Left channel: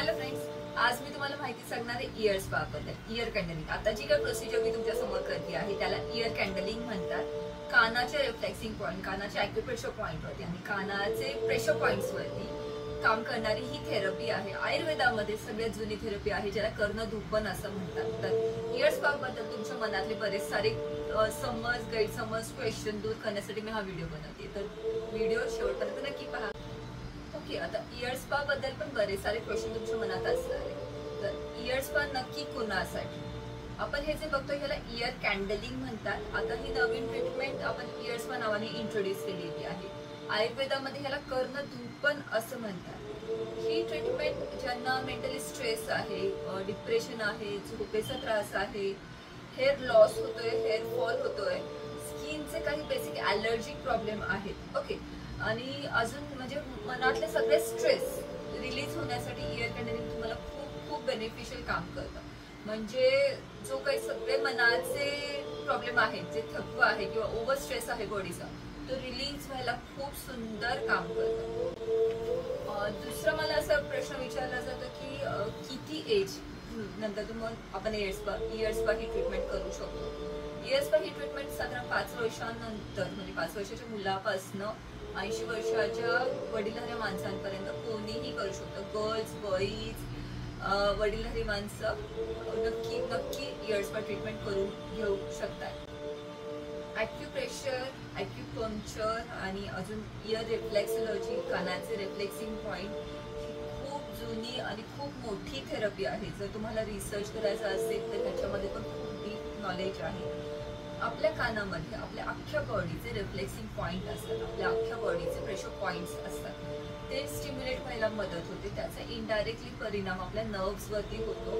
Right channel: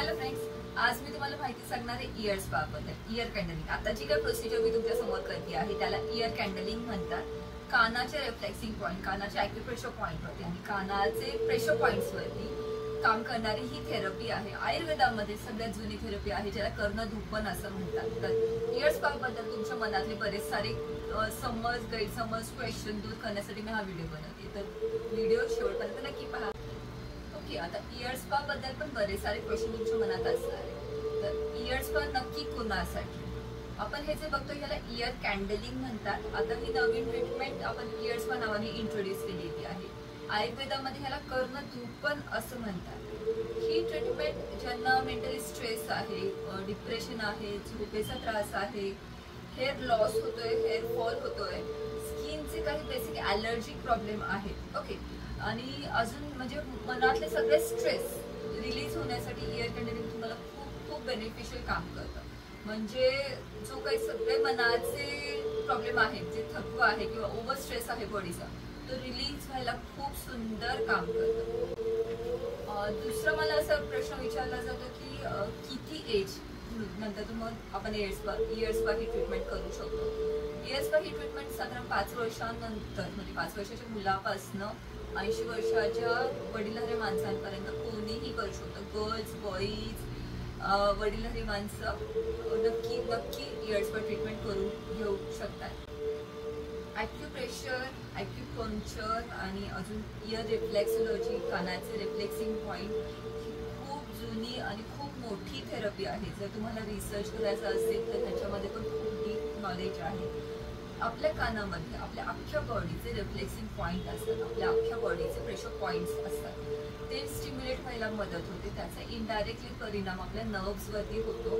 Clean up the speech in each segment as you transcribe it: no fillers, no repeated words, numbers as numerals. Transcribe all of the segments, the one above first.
Hello friends, आज मी तुम्हाला माहिती सांगणार आहे इयर स्पा बद्दल. इयर कॅन्डलिंग आता जी काही प्रोसिजर मी तुमच्या समोर करते आहे त्याला इयर कॅन्डलिंग म्हणतात. कानाचे रिफ्लेक्सिंग पॉइंट, कानाचे ॲक्युप्रेशर पॉइंट वरती आणि कानाचे प्रेशर पॉइंट्स वरती काम करणारी ही थेरपी आहे. आयुर्वेदामध्ये सगळ्यात जुनी थेरपी आहे, ज्याला कर्णधूपन असं म्हणतात. तर इयर स्पा बद्दल तुमच्या मनातले बरेच सारे समज, गैरसमज, क्वेश्चन दूर करण्यासाठी मी हा व्हिडिओ बनवते. तर व्हिडिओ शेवटपर्यंत नक्की पहा. ओके, आता इयर स्पा बद्दल पण बरेच सारे क्वेश्चन तुमच्या मनात असणार आहे. तर इयर स्पा नक्की कोणासाठी? आपण हे जे बघतो याला इयर कॅन्डलिंग म्हणतात. आता ही नवीन ट्रीटमेंट आपण इयर स्पा नावाने इंट्रोड्यूस केलेली आहे. आयुर्वेदामध्ये ह्याला कर्णधूपन असं म्हणतात. ही ट्रीटमेंट ज्यांना मेंटली स्ट्रेस आहे, डिप्रेशन आहे, झोपेचा त्रास आहे, हेअर लॉस होतोय, हेअर फॉल होतोय, स्किनचे काही बेसिक ॲलर्जिक प्रॉब्लेम आहेत, ओके, आणि अजून म्हणजे मनातले सगळे स्ट्रेस रिलीज होण्यासाठी इयर कॅन्डलिंग तुम्हाला खूप खूप बेनिफिशियल काम करतं. म्हणजे जो काही सगळे मनाचे प्रॉब्लेम आहेत, जे थकवा आहे किंवा ओव्हर स्ट्रेस आहे बॉडीचा, तो रिलीज व्हायला खूप सुंदर काम करतं. दुसरा मला असा प्रश्न विचारला जातो की किती एज नंतर मग आपण इयर स्पा ही ट्रीटमेंट करू शकतो. इयर स्पा ही ट्रीटमेंट साधारण 5 वर्षांनंतर, म्हणजे 5 वर्षाच्या मुलापासून 80 वर्षाच्या वडीलधाऱ्या माणसांपर्यंत कोणीही करू शकतो. गर्ल्स, बॉईज, वडीलधारी माणसं नक्की इयर स्पा ट्रीटमेंट करून घेऊ शकतात. ॲक्युप्रेशर, ॲक्युपंक्चर आणि अजून इयर रिफ्लेक्सॉलॉजी, कानाचे रिफ्लेक्सिंग पॉइंट ही खूप जुनी आणि खूप मोठी थेरपी आहे. जर तुम्हाला रिसर्च करायचा असेल तर ह्याच्यामध्ये पण खूप डीप नॉलेज आहे. आपल्या कानामध्ये आपल्या अख्ख्या बॉडीचे रिफ्लेक्सिंग पॉइंट असतात, आपल्या अख्ख्या बॉडीचे प्रेशर पॉइंट्स असतात. ते स्टिम्युलेट व्हायला मदत होते. त्याचा इनडायरेक्टली परिणाम आपल्या नर्व्सवरती होतो,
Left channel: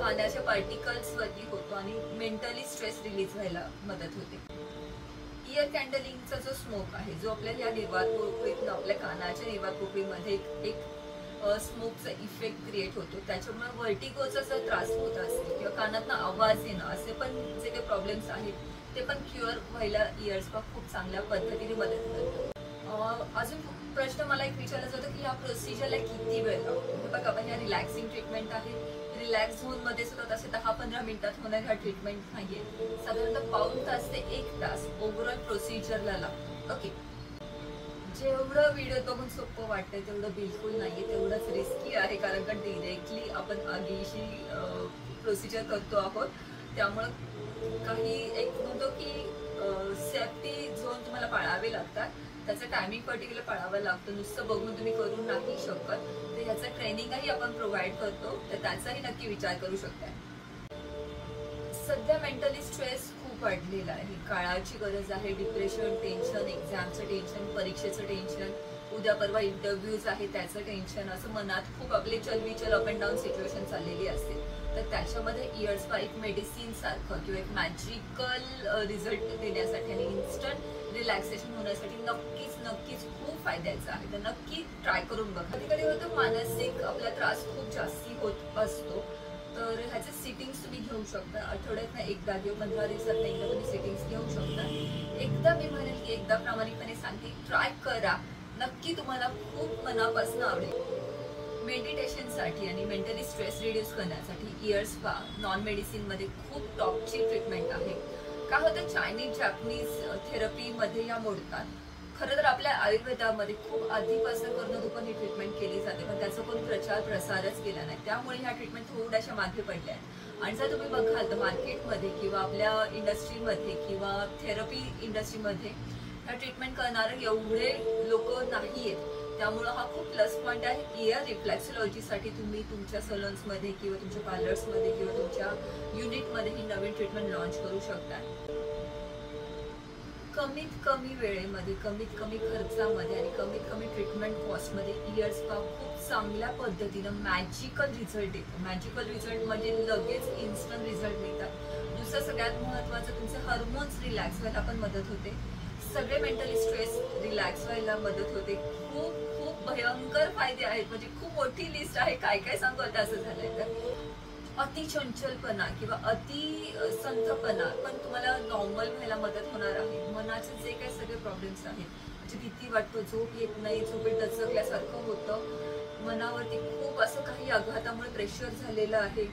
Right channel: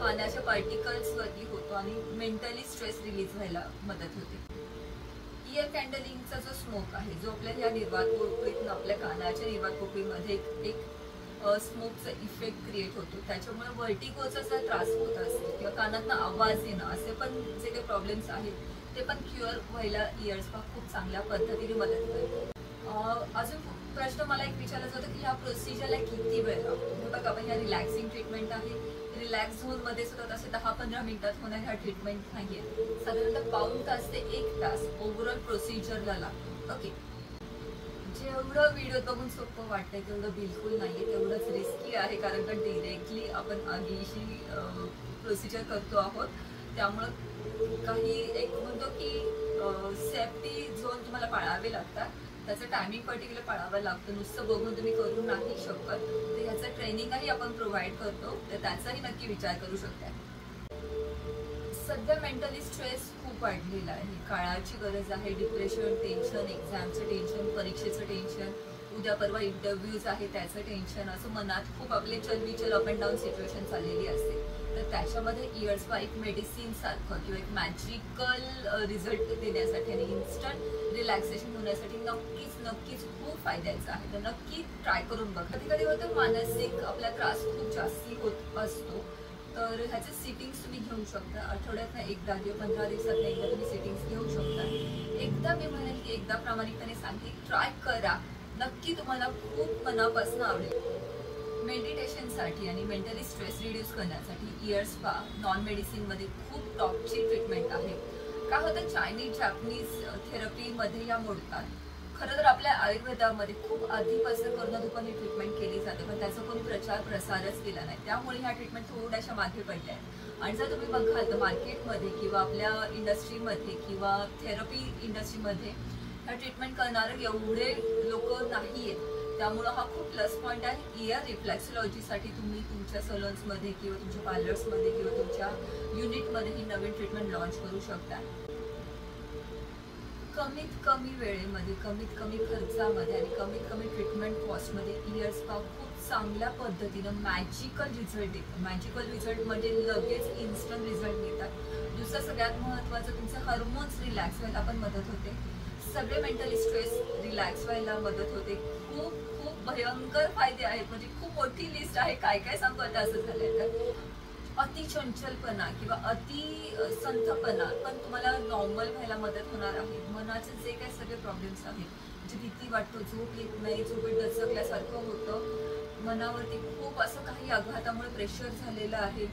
कानाच्या पार्टिकल्सवरती होतो आणि मेंटली स्ट्रेस रिलीज व्हायला मदत होते. इयर कॅन्डलिंगचा जो स्मोक आहे, जो आपल्या या निर्वात पोकळीतून आपल्या कानाच्या निर्वात पोकळीमध्ये एक स्मोकचा इफेक्ट क्रिएट होतो. त्याच्यामुळे व्हर्टिगोचा जर त्रास होत असेल किंवा कानातनं आवाज येणं, असे पण जे काही प्रॉब्लेम्स आहेत ते पण क्युअर व्हायला इयर स्पा खूप चांगल्या पद्धतीने मदत करतो. अजून प्रश्न मला एक विचारला जातो की या प्रोसिजरला किती वेळ लागतो. बघा, आपण ह्या रिलॅक्सिंग ट्रीटमेंट आहे. रिलॅक्स झोनमध्ये सुद्धा तसे 10-15 मिनिटात होणार ह्या ट्रीटमेंट नाहीये. साधारणतः पाऊण तास ते 1 तास ओव्हरऑल प्रोसिजरला लागतो. ओके, जेवढं व्हिडिओ बघून सोपं वाटतंय तेवढं बिलकुल नाहीये, तेवढंच रिस्की आहे. कारण का डिरेक्टली आपण आगीशी प्रोसिजर करतो आहोत. त्यामुळं काही एक म्हणतो की सेफ्टी झोन तुम्हाला पाळावे लागतात. त्याचं टायमिंग पर्टिक्युलर पाळावं लागतं. नुसतं बघून तुम्ही करू नाही शकत. तर ह्याचं ट्रेनिंगही आपण प्रोव्हाइड करतो, तर त्याचाही नक्की विचार करू शकता. सध्या मेंटली स्ट्रेस खूप वाढलेला आहे. काळाची गरज आहे. डिप्रेशन, टेन्शन, एक्झामचं टेन्शन, परीक्षेचं टेन्शन, उद्या परवा इंटरव्ह्यूज आहे त्याचं टेन्शन, असं मनात खूप आपले चलबिचल अप अँड डाऊन सिच्युएशन चाललेली असते. तर त्याच्यामध्ये इयर स्पा एक मेडिसिन सारखं किंवा एक मॅजिकल रिझल्ट देण्यासाठी आणि इन्स्टंट रिलॅक्सेशन होण्यासाठी नक्कीच खूप फायद्याचं आहे. तर नक्की ट्राय करून बघा. कधी कधी होतं मानसिक आपला त्रास खूप जास्ती होत असतो, तर ह्याचे सिटिंग्स तुम्ही घेऊ शकता. आठवड्यातनं एकदा किंवा 15 दिवसातनं एकदा तुम्ही सिटिंग्स घेऊ शकता. एकदा मी म्हणेन की एकदा प्रामाणिकपणे सांगते, ट्राय करा. नक्की तुम्हाला खूप मनापासून आवडेल. मेडिटेशनसाठी आणि मेंटली स्ट्रेस रिड्यूस करण्यासाठी इयर स्पा नॉन मेडिसिनमध्ये खूप टॉपची ट्रीटमेंट आहे. काय होतं, चायनीज, जॅपनीज थेरपीमध्ये या मोडतात. खरं तर आपल्या आयुर्वेदामध्ये खूप आधीपासून कर्णधूपन ही ट्रीटमेंट केली जाते, पण त्याचा कोणी प्रचार प्रसारच केला नाही. त्यामुळे ह्या ट्रीटमेंट थोड्याशा मागे पडल्या आहेत. आणि जर तुम्ही बघाल तर मार्केटमध्ये किंवा आपल्या इंडस्ट्रीमध्ये किंवा थेरपी इंडस्ट्रीमध्ये ह्या ट्रीटमेंट करणारे एवढे लोक नाही आहेत. त्यामुळं हा खूप प्लस पॉईंट आहे. इयर रिफ्लेक्सॉलॉजीसाठी तुम्ही तुमच्या सलॉन्समध्ये किंवा तुमच्या पार्लर्समध्ये किंवा तुमच्या युनिटमध्ये ही नवीन ट्रीटमेंट लॉन्च करू शकता. कमीत कमी वेळेमध्ये, कमीत कमी खर्चामध्ये आणि कमीत कमी ट्रीटमेंट कॉस्टमध्ये इयर स्पा खूप चांगल्या पद्धतीनं मॅजिकल रिझल्ट देतो. मॅजिकल रिझल्ट म्हणजे लगेच इन्स्टंट रिझल्ट देतात. दुसरं सगळ्यात महत्त्वाचं, तुमचे हार्मोन्स रिलॅक्स व्हायला पण मदत होते. सगळे मेंटली स्ट्रेस रिलॅक्स व्हायला मदत होते. खूप खूप भयंकर फायदे आहेत. म्हणजे खूप मोठी लिस्ट आहे, काय काय सांगू आता असं झालंय. तर अति चंचलपणा किंवा अति संथपणा पण तुम्हाला नॉर्मल व्हायला मदत होणार आहे. मनाचे जे काही सगळे प्रॉब्लेम्स आहेत, भीती वाटतो, झोप येत नाही, झोपेत दचकल्यासारखं होतं, मनावरती खूप असं काही आघातामुळे प्रेशर झालेलं आहे,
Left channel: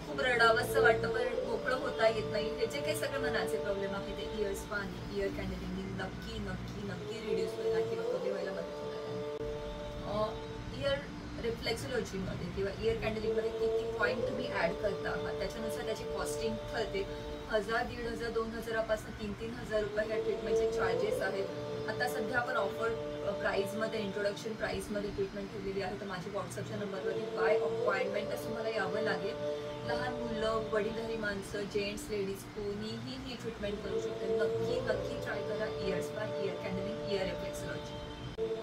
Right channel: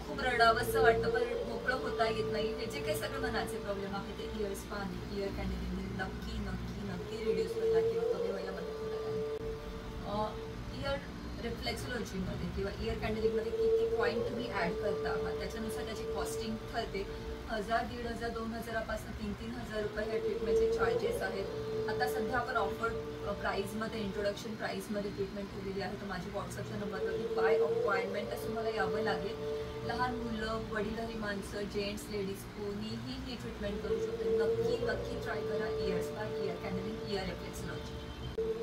खूप रडावंसं वाटतं पण मोकळं होता येत नाही, हे जे काही सगळे मनाचे प्रॉब्लेम आहे ते इयर स्पा आणि इयर कॅन्डलिंग नक्की नक्की नक्की रिड्यूस व्हायला किंवा कमी व्हायला मदत होणार आहे. इयर रिफ्लेक्सोलॉजीमध्ये किंवा इयर कॅन्डलिंगमध्ये किती पॉईंट तुम्ही ऍड करता आहात त्याच्यानुसार त्याची कॉस्टिंग ठरते. 1000, 1500, 2000पासून 3,000 रुपये ह्या ट्रीटमेंटचे चार्जेस आहेत. आता सध्या आपण ऑफर प्राईजमध्ये, इंट्रोडक्शन प्राईजमध्ये ट्रीटमेंट ठेवलेली आहे. तर माझ्या व्हॉट्सअपच्या नंबरवरती बाय अपॉइंटमेंट असं मला यावं लागेल. लहान मुलं, वडीलधारी माणसं, जेंट्स, लेडीज कोणीही ही ट्रीटमेंट करू शकते. नक्की नक्की ट्राय करा ear spa, ear candling, ear reflexology.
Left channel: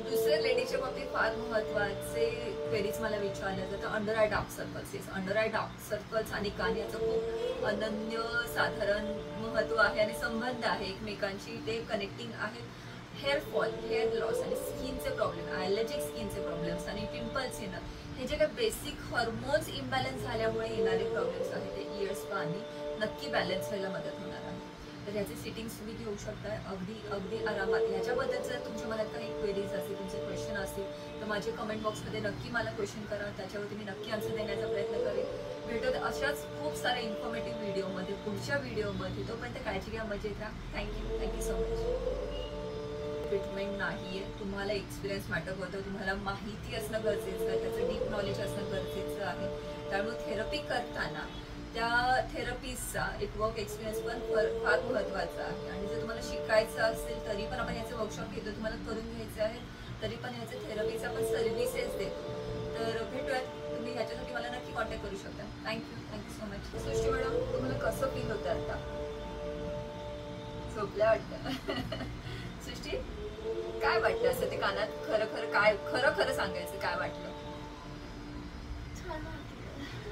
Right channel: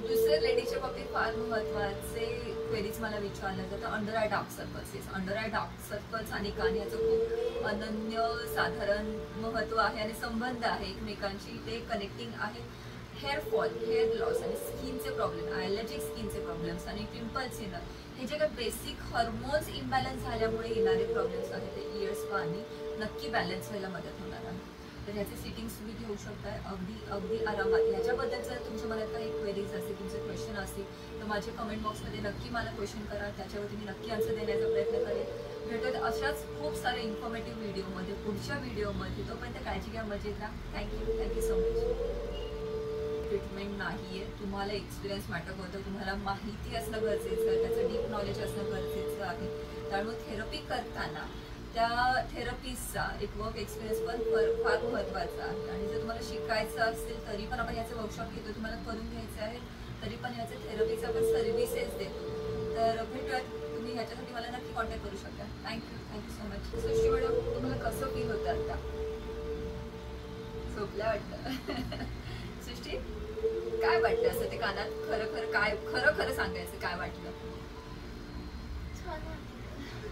दुसऱ्या लेडीजच्या बाबतीत फार महत्त्वाचे क्वेरीज मला विचारलं जातं under eye dark circles. Under eye dark circles आणि कान याचं खूप अनन्य साधारण महत्त्व आहे आणि संबंध आहे एकमेकांशी, ते कनेक्टिंग आहे. हेअर फॉल, हेअर लॉस आणि स्किनचे प्रॉब्लेम, ॲलर्जिक स्किनचे प्रॉब्लेम्स आणि पिंपल्स येणं, हे जे काही बेसिक हॉर्मोन्स इम्बॅलन्स झाल्यामुळे येणारे प्रॉब्लेम्स आहेत ते इयर स्पानी नक्की बॅलन्स व्हायला मदत होणार आहे. तर ह्याचे सिटिंग्स तुम्ही घेऊ शकताय अगदी अगदी आरामात. ह्याच्याबद्दल जर तुमच्या मनात काही क्वेरीज असतील, तुमचे क्वेश्चन असतील तर माझे कमेंट बॉक्समध्ये नक्की मला क्वेश्चन करा, त्याच्यावरती मी नक्की आन्सर देण्याचा प्रयत्न करेन. भेटत अशाच खूप साऱ्या इन्फॉर्मेटिव्ह व्हिडिओमध्ये पुढच्या व्हिडिओमध्ये. तोपर्यंत काळजी घ्या, मजेत राहा. Thank you so much. ट्रीटमेंट नाहीये, तुम्हाला एक्सपिरियन्स मॅटर करतो, तुम्हाला माहिती असणं गरजेचं आहे, त्याचं डीप नॉलेज असणं गरजेचं आहे. त्यामुळे थेरपी करताना त्या थेरपीचा एक वर्क एक्सपिरियन्स पण फार महत्त्वाचा आहे. आणि जर तुम्हाला शिकायचं असेल तरी पण आपण याचे वर्कशॉप घेतो, तुम्हाला करून घ्यायचे आहे तरी पण याचे थेरपीचा पण सर्व्हिसेस देतो. तर भेटूयात, तुम्ही ह्याच्यासाठी मला नक्की कॉन्टॅक्ट करू शकता. Thank you so much. Srushti madam, तुम्हाला कसं फील होतं आता? झोपल्या वाटतं. सृष्टी, काय वाटतं असं ते कानात खरं सांगायचं काय वाटलं?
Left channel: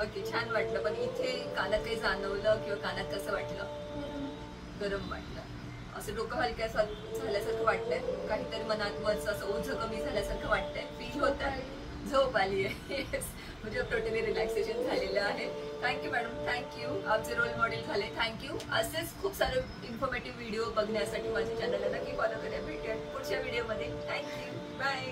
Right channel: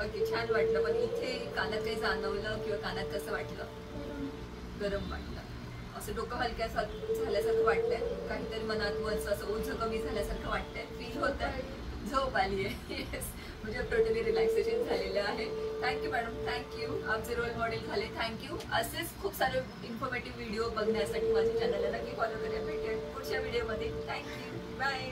ओके, छान वाटलं. पण इथे कानात काही जाणवलं किंवा कानात कसं वाटलं? गरम वाटलं. असं डोकं हलक्या झाल्यासारखं वाटतंय, काहीतरी मनात वरचं असं ओझं कमी झाल्यासारखं वाटतंय, फील होत आहे, झोप आली आहे. येस, म्हणजे टोटली रिलॅक्सेशन झालेलं आहे. Thank you madam, thank you. आमचे रोल मॉडेल झाले, थँक्यू. असेच खूप सारे इन्फॉर्मेटिव्ह व्हिडिओ बघण्यासाठी माझ्या चॅनलला नक्की फॉलो करा. भेटूया पुढच्या व्हिडिओमध्ये. Thank you, bye.